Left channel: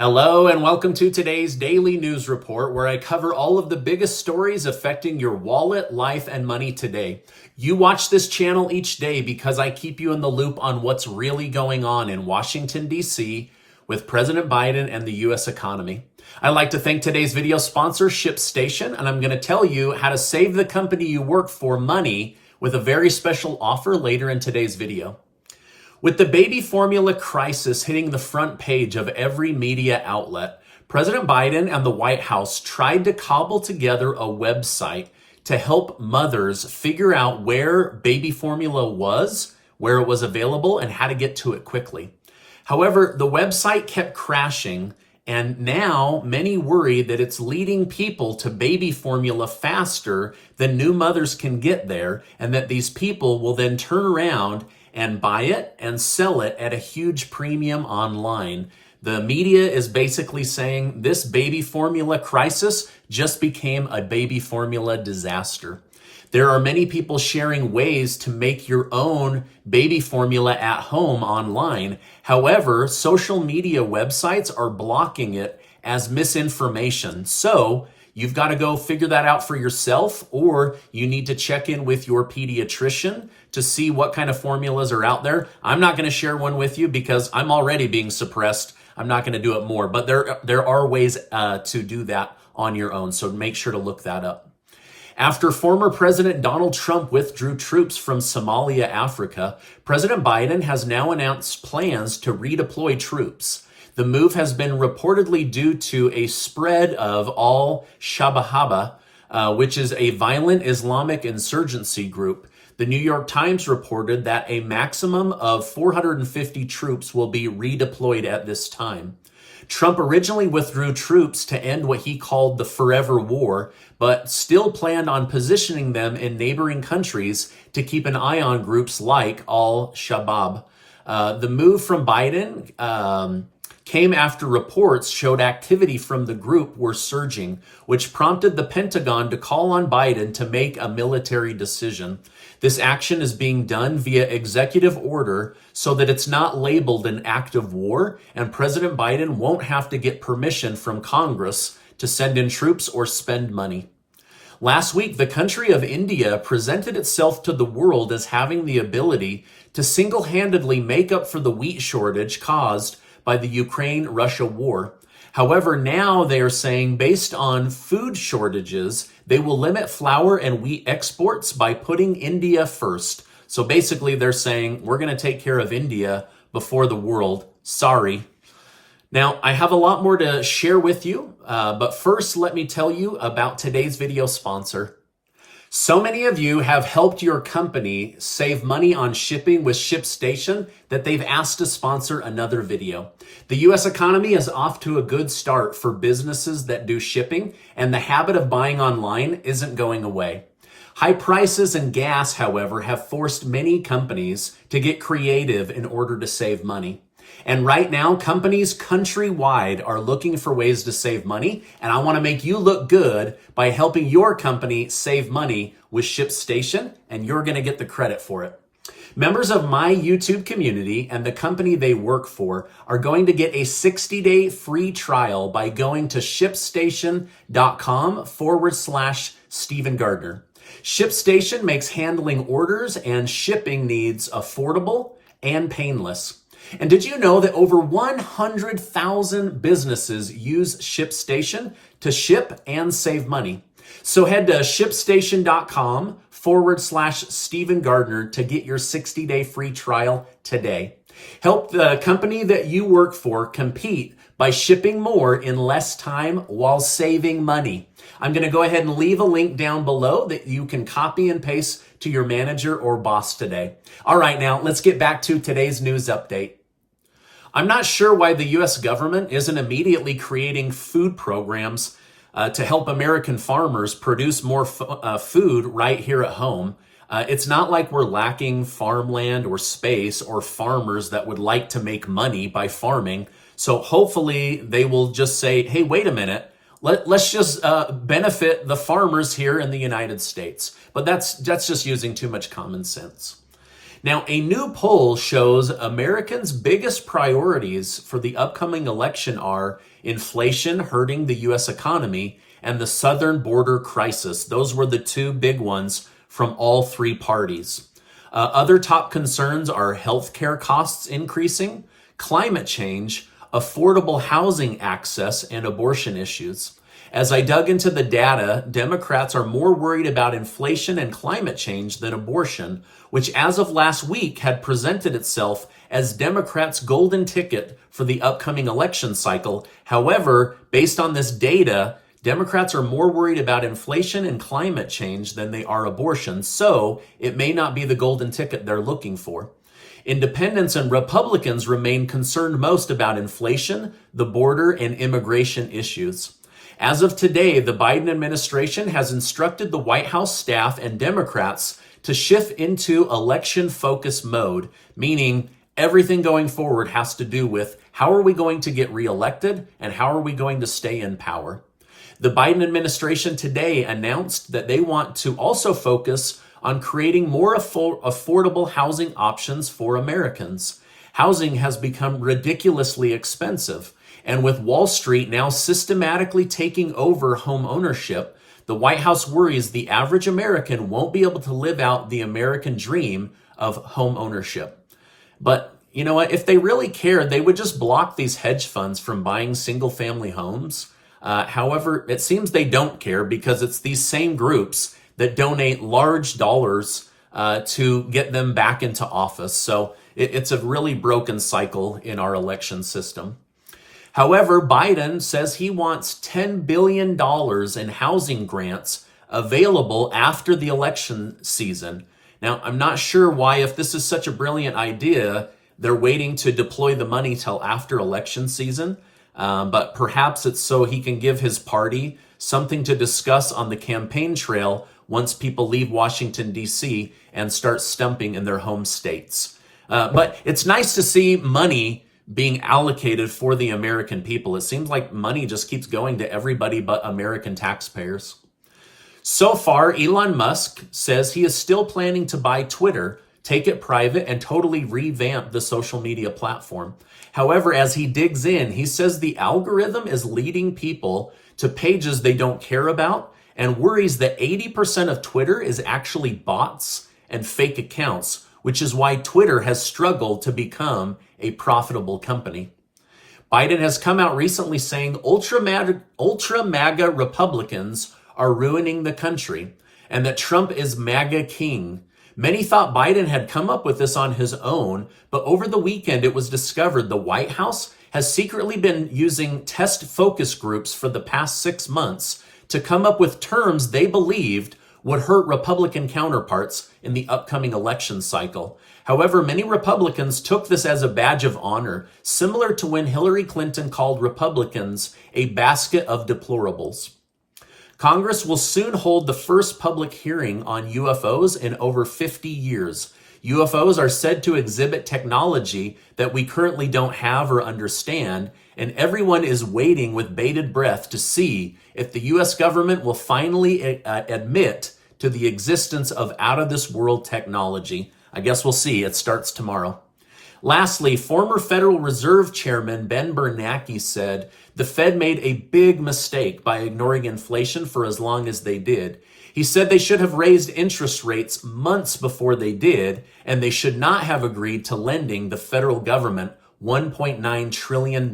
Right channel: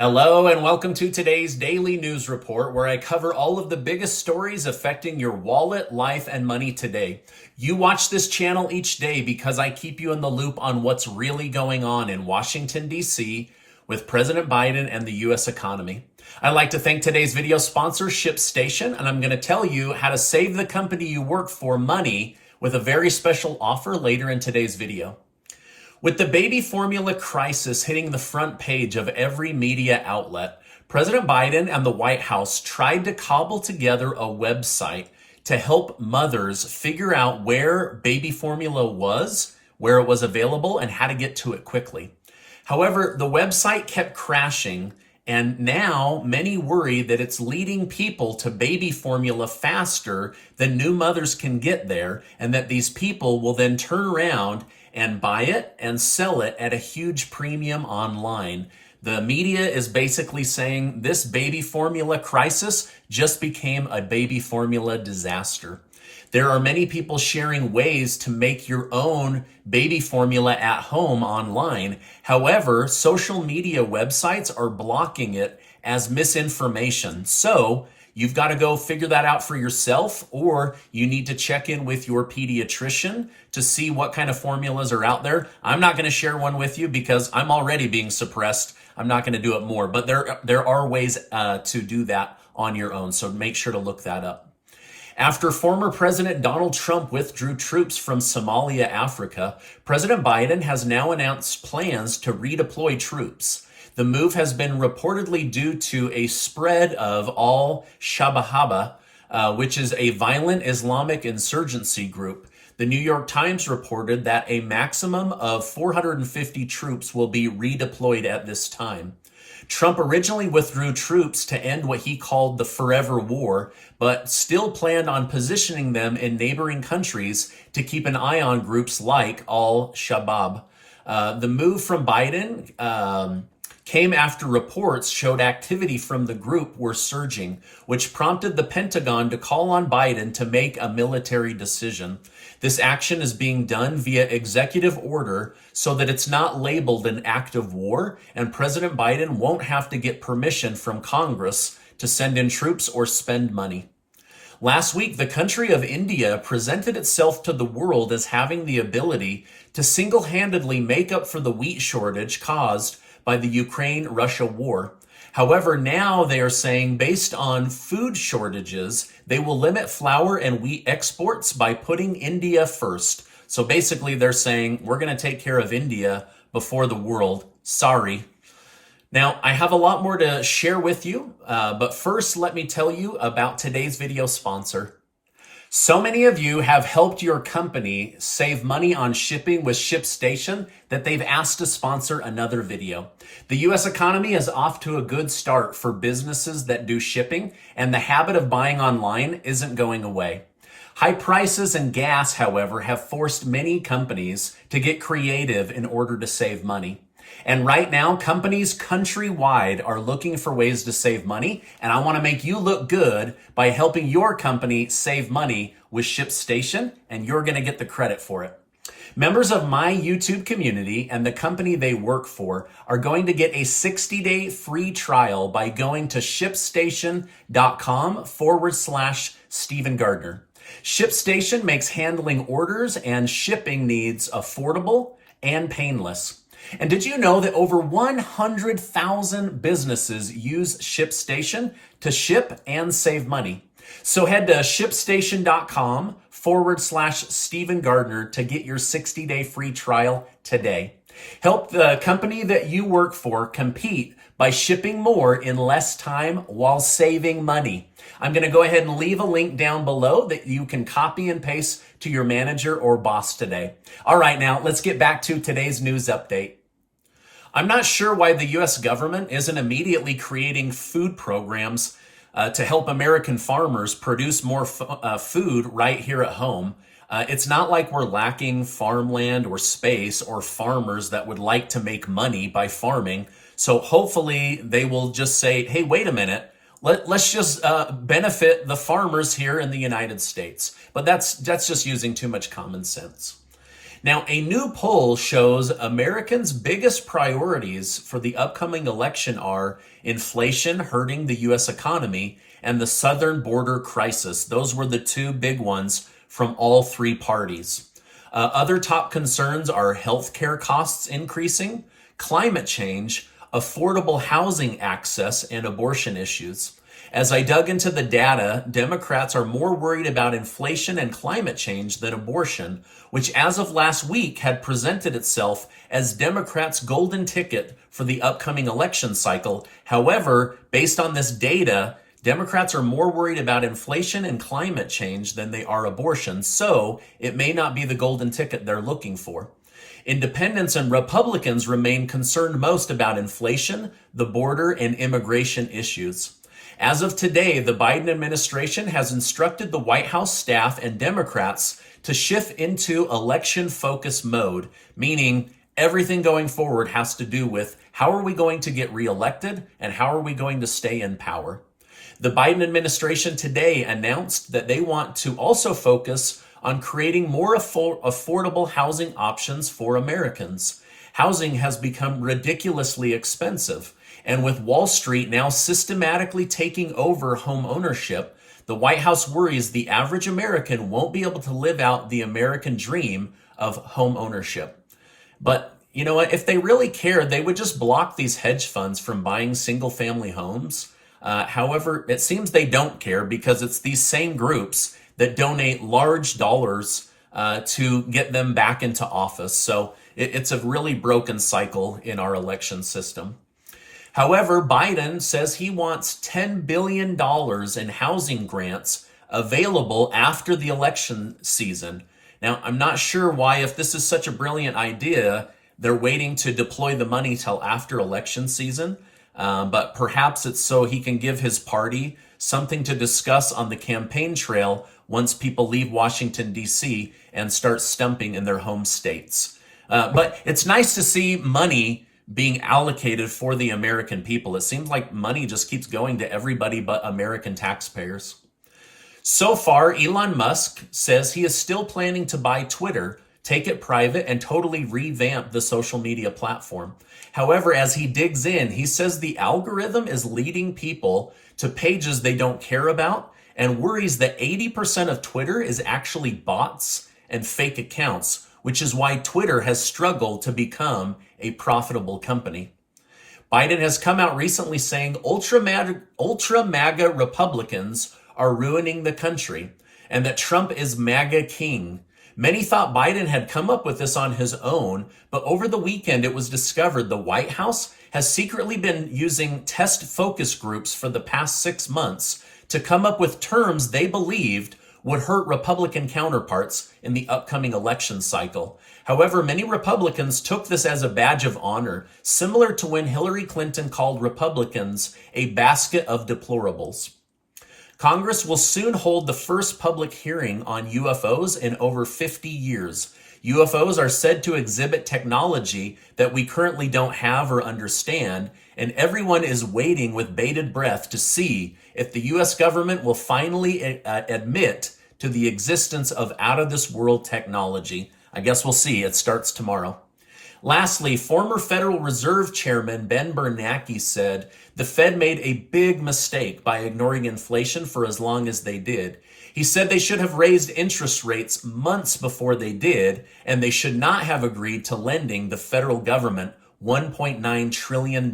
Hello and welcome to today's daily news report where I cover all of the biggest stories affecting your wallet, life, and money today. You watch this channel each day because I keep you in the loop on what's really going on in Washington, D.C. with President Biden and the U.S. economy. I'd like to thank today's video sponsor, ShipStation, and I'm going to tell you how to save the company you work for money with a very special offer later in today's video. With the baby formula crisis hitting the front page of every media outlet, President Biden and the White House tried to cobble together a website to help mothers figure out where baby formula was, where it was available, and how to get to it quickly. However, the website kept crashing, and now many worry that it's leading people to baby formula faster than new mothers can get there, and that these people will then turn around and buy it and sell it at a huge premium online. The media is basically saying this baby formula crisis just became a baby formula disaster. There are many people sharing ways to make your own baby formula at home online. However, social media websites are blocking it as misinformation. So you've got to go figure that out for yourself, or you need to check in with your pediatrician to see what kind of formulas are out there. I'm not going to share one with you because I'm already being suppressed. I'm not going to do it more, but there are ways to do that on your own. So make sure to look that up. After former President Donald Trump withdrew troops from Somalia, Africa, President Biden has now announced plans to redeploy troops. The move has been reportedly due to a spread of al-Shabaab, which is a violent Islamic insurgency group. The New York Times reported that a maximum of 450 troops will be redeployed at this time. Trump originally withdrew troops to end what he called the forever war, but still planned on positioning them in neighboring countries to keep an eye on groups like al-Shabaab. The move from Biden came after reports showed activity from the group were surging, which prompted the Pentagon to call on Biden to make a military decision. This action is being done via executive order so that it's not labeled an act of war, and President Biden won't have to get permission from Congress to send in troops or spend money. Last week, the country of India presented itself to the world as having the ability to single-handedly make up for the wheat shortage caused by the Ukraine-Russia war. However, now they are saying based on food shortages, they will limit flour and wheat exports by putting India first. So basically they're saying we're going to take care of India before the world. Sorry. Now, I have a lot more to share with you, but first let me tell you about today's video sponsor. So many of you have helped your company save money on shipping with ShipStation that they've asked to sponsor another video. The U.S. economy is off to a good start for businesses that do shipping, and the habit of buying online isn't going away. High prices and gas, however, have forced many companies to get creative in order to save money. And right now, companies countrywide are looking for ways to save money, and I want to make you look good by helping your company save money with ShipStation, and you're going to get the credit for it. Members of my YouTube community and the company they work for are going to get a 60-day free trial by going to ShipStation.com/Stephen Gardner. ShipStation makes handling orders and shipping needs affordable and painless. And did you know that over 100,000 businesses use ShipStation to ship and save money? So head to ShipStation.com/Stephen Gardner to get your 60-day free trial today. Help the company that you work for compete by shipping more in less time while saving money. I'm going to go ahead and leave a link down below that you can copy and paste to your manager or boss today. All right, now let's get back to today's news update. I'm not sure why the U.S. government isn't immediately creating food programs to help American farmers produce more food right here at home. It's not like we're lacking farmland or space or farmers that would like to make money by farming. So hopefully they will just say, hey, wait a minute. Let's just benefit the farmers here in the United States. But that's just using too much common sense. Now, a new poll shows Americans' biggest priorities for the upcoming election are inflation hurting the U.S. economy, and the southern border crisis. Those were the two big ones from all three parties. Other top concerns are healthcare costs increasing, climate change, affordable housing access, and abortion issues. As I dug into the data, Democrats are more worried about inflation and climate change than abortion, which as of last week had presented itself as Democrats' golden ticket for the upcoming election cycle. However, based on this data, Democrats are more worried about inflation and climate change than they are abortion, so it may not be the golden ticket they're looking for. Independents and Republicans remain concerned most about inflation, the border, and immigration issues. As of today, the Biden administration has instructed the White House staff and Democrats to shift into election-focused mode, meaning everything going forward has to do with how are we going to get reelected and how are we going to stay in power. The Biden administration today announced that they want to also focus on creating more affordable housing options for Americans. Housing has become ridiculously expensive. And with Wall Street now systematically taking over home ownership, the White House worries the average American won't be able to live out the American dream of home ownership. But you know what? If they really cared, they would just block these hedge funds from buying single-family homes. However, it seems they don't care because it's these same groups that donate large dollars to get them back into office. So it's a really broken cycle in our election system. However, Biden says he wants $10 billion in housing grants available after the election season. Now, I'm not sure why, if this is such a brilliant idea, they're waiting to deploy the money till after election season. But perhaps it's so he can give his party something to discuss on the campaign trail once people leave Washington, D.C. and start stumping in their home states. But it's nice to see money being allocated for the American people. It seems like money just keeps going to everybody but American taxpayers. So far, Elon Musk says he is still planning to buy Twitter, take it private, and totally revamp the social media platform. However, as he digs in, he says the algorithm is leading people to pages they don't care about and worries that 80% of Twitter is actually bots and fake accounts, which is why Twitter has struggled to become a profitable company. Biden has come out recently saying ultra MAGA Republicans are ruining the country and that Trump is MAGA king. Many thought Biden had come up with this on his own, but over the weekend it was discovered the White House has secretly been using test focus groups for the past 6 months to come up with terms they believed would hurt Republican counterparts in the upcoming election cycle. However, many Republicans took this as a badge of honor, similar to when Hillary Clinton called Republicans a basket of deplorables. Congress will soon hold the first public hearing on UFOs in over 50 years. UFOs are said to exhibit technology that we currently don't have or understand, and everyone is waiting with bated breath to see if the U.S. government will finally admit to the existence of out-of-this-world technology. I guess we'll see. It starts tomorrow. Lastly, former Federal Reserve Chairman Ben Bernanke said the Fed made a big mistake by ignoring inflation for as long as they did. He said they should have raised interest rates months before they did, and they should not have agreed to lending the federal government $1.9 trillion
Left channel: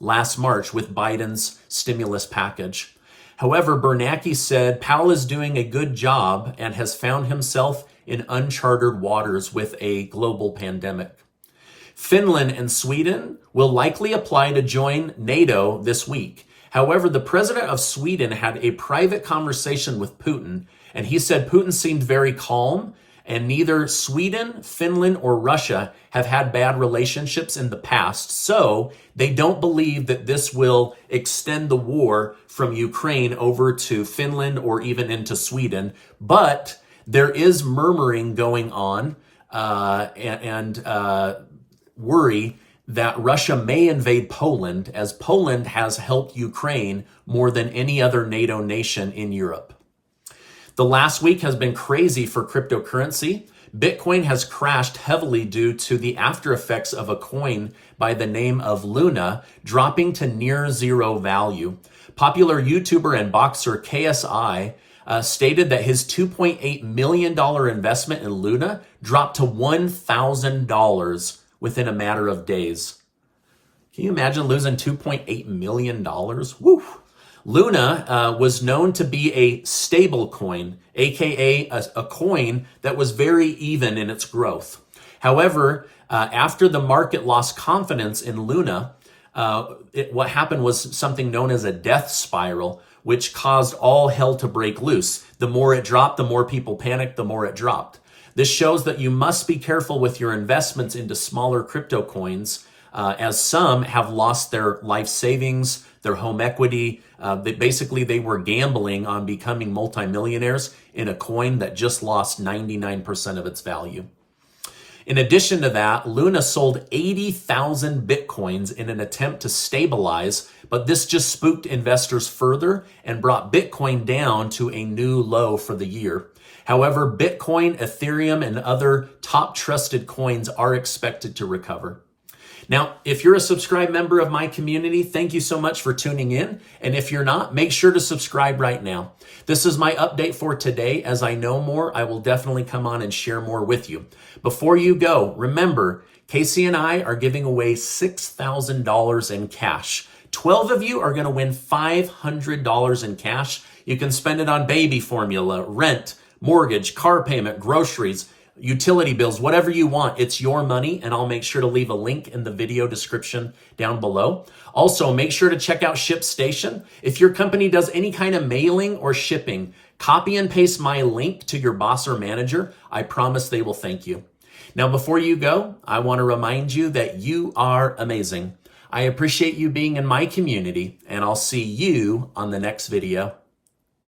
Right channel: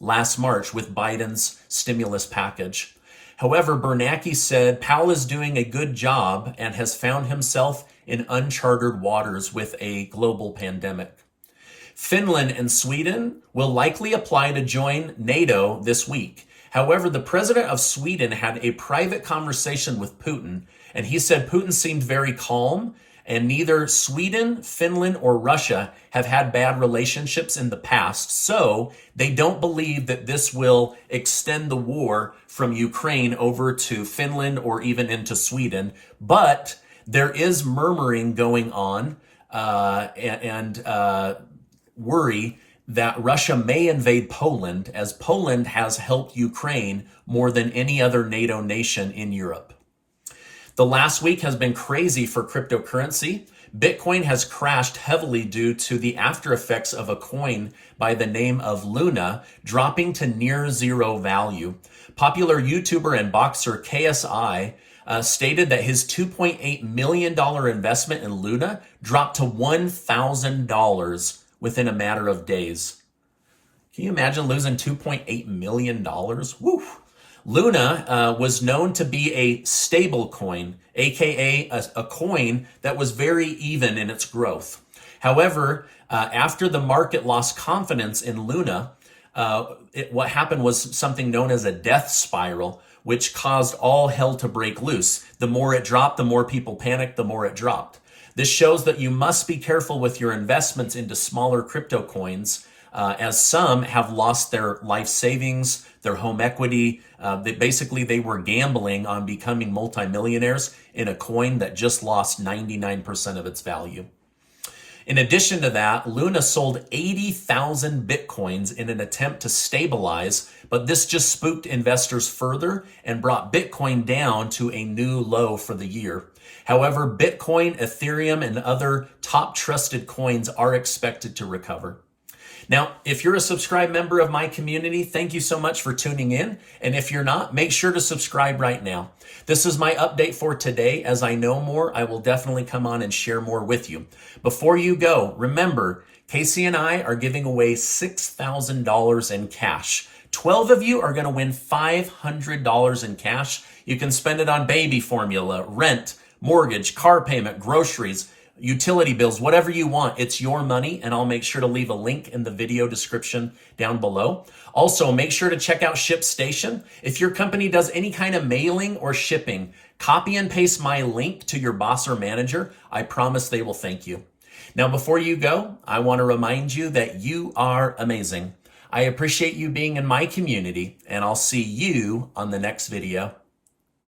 last March with Biden's stimulus package. However, Bernanke said Powell is doing a good job and has found himself in uncharted waters with a global pandemic. Finland and Sweden will likely apply to join NATO this week. However, the president of Sweden had a private conversation with Putin, and he said Putin seemed very calm, and neither Sweden, Finland, or Russia have had bad relationships in the past, so they don't believe that this will extend the war from Ukraine over to Finland or even into Sweden. But there is murmuring going on and worry that Russia may invade Poland, as Poland has helped Ukraine more than any other NATO nation in Europe. The last week has been crazy for cryptocurrency. Bitcoin has crashed heavily due to the after effects of a coin by the name of Luna dropping to near zero value. Popular YouTuber and boxer KSI stated that his $2.8 million investment in Luna dropped to $1,000 within a matter of days. Can you imagine losing $2.8 million? Woo! Luna was known to be a stable coin, aka a coin that was very even in its growth. However, after the market lost confidence in Luna, what happened was something known as a death spiral, which caused all hell to break loose. The more it dropped, the more people panicked, the more it dropped. This shows that you must be careful with your investments into smaller crypto coins, as some have lost their life savings, their home equity. They were gambling on becoming multimillionaires in a coin that just lost 99% of its value. In addition to that, Luna sold 80,000 Bitcoins in an attempt to stabilize, but this just spooked investors further and brought Bitcoin down to a new low for the year. However, Bitcoin, Ethereum, and other top trusted coins are expected to recover. Now, if you're a subscribed member of my community, thank you so much for tuning in. And if you're not, make sure to subscribe right now. This is my update for today. As I know more, I will definitely come on and share more with you. Before you go, remember, Casey and I are giving away $6,000 in cash. 12 of you are going to win $500 in cash. You can spend it on baby formula, rent, mortgage, car payment, groceries, utility bills, whatever you want. It's your money, and I'll make sure to leave a link in the video description down below. Also, make sure to check out ShipStation. If your company does any kind of mailing or shipping, copy and paste my link to your boss or manager. I promise they will thank you. Now, before you go, I want to remind you that you are amazing. I appreciate you being in my community, and I'll see you on the next video.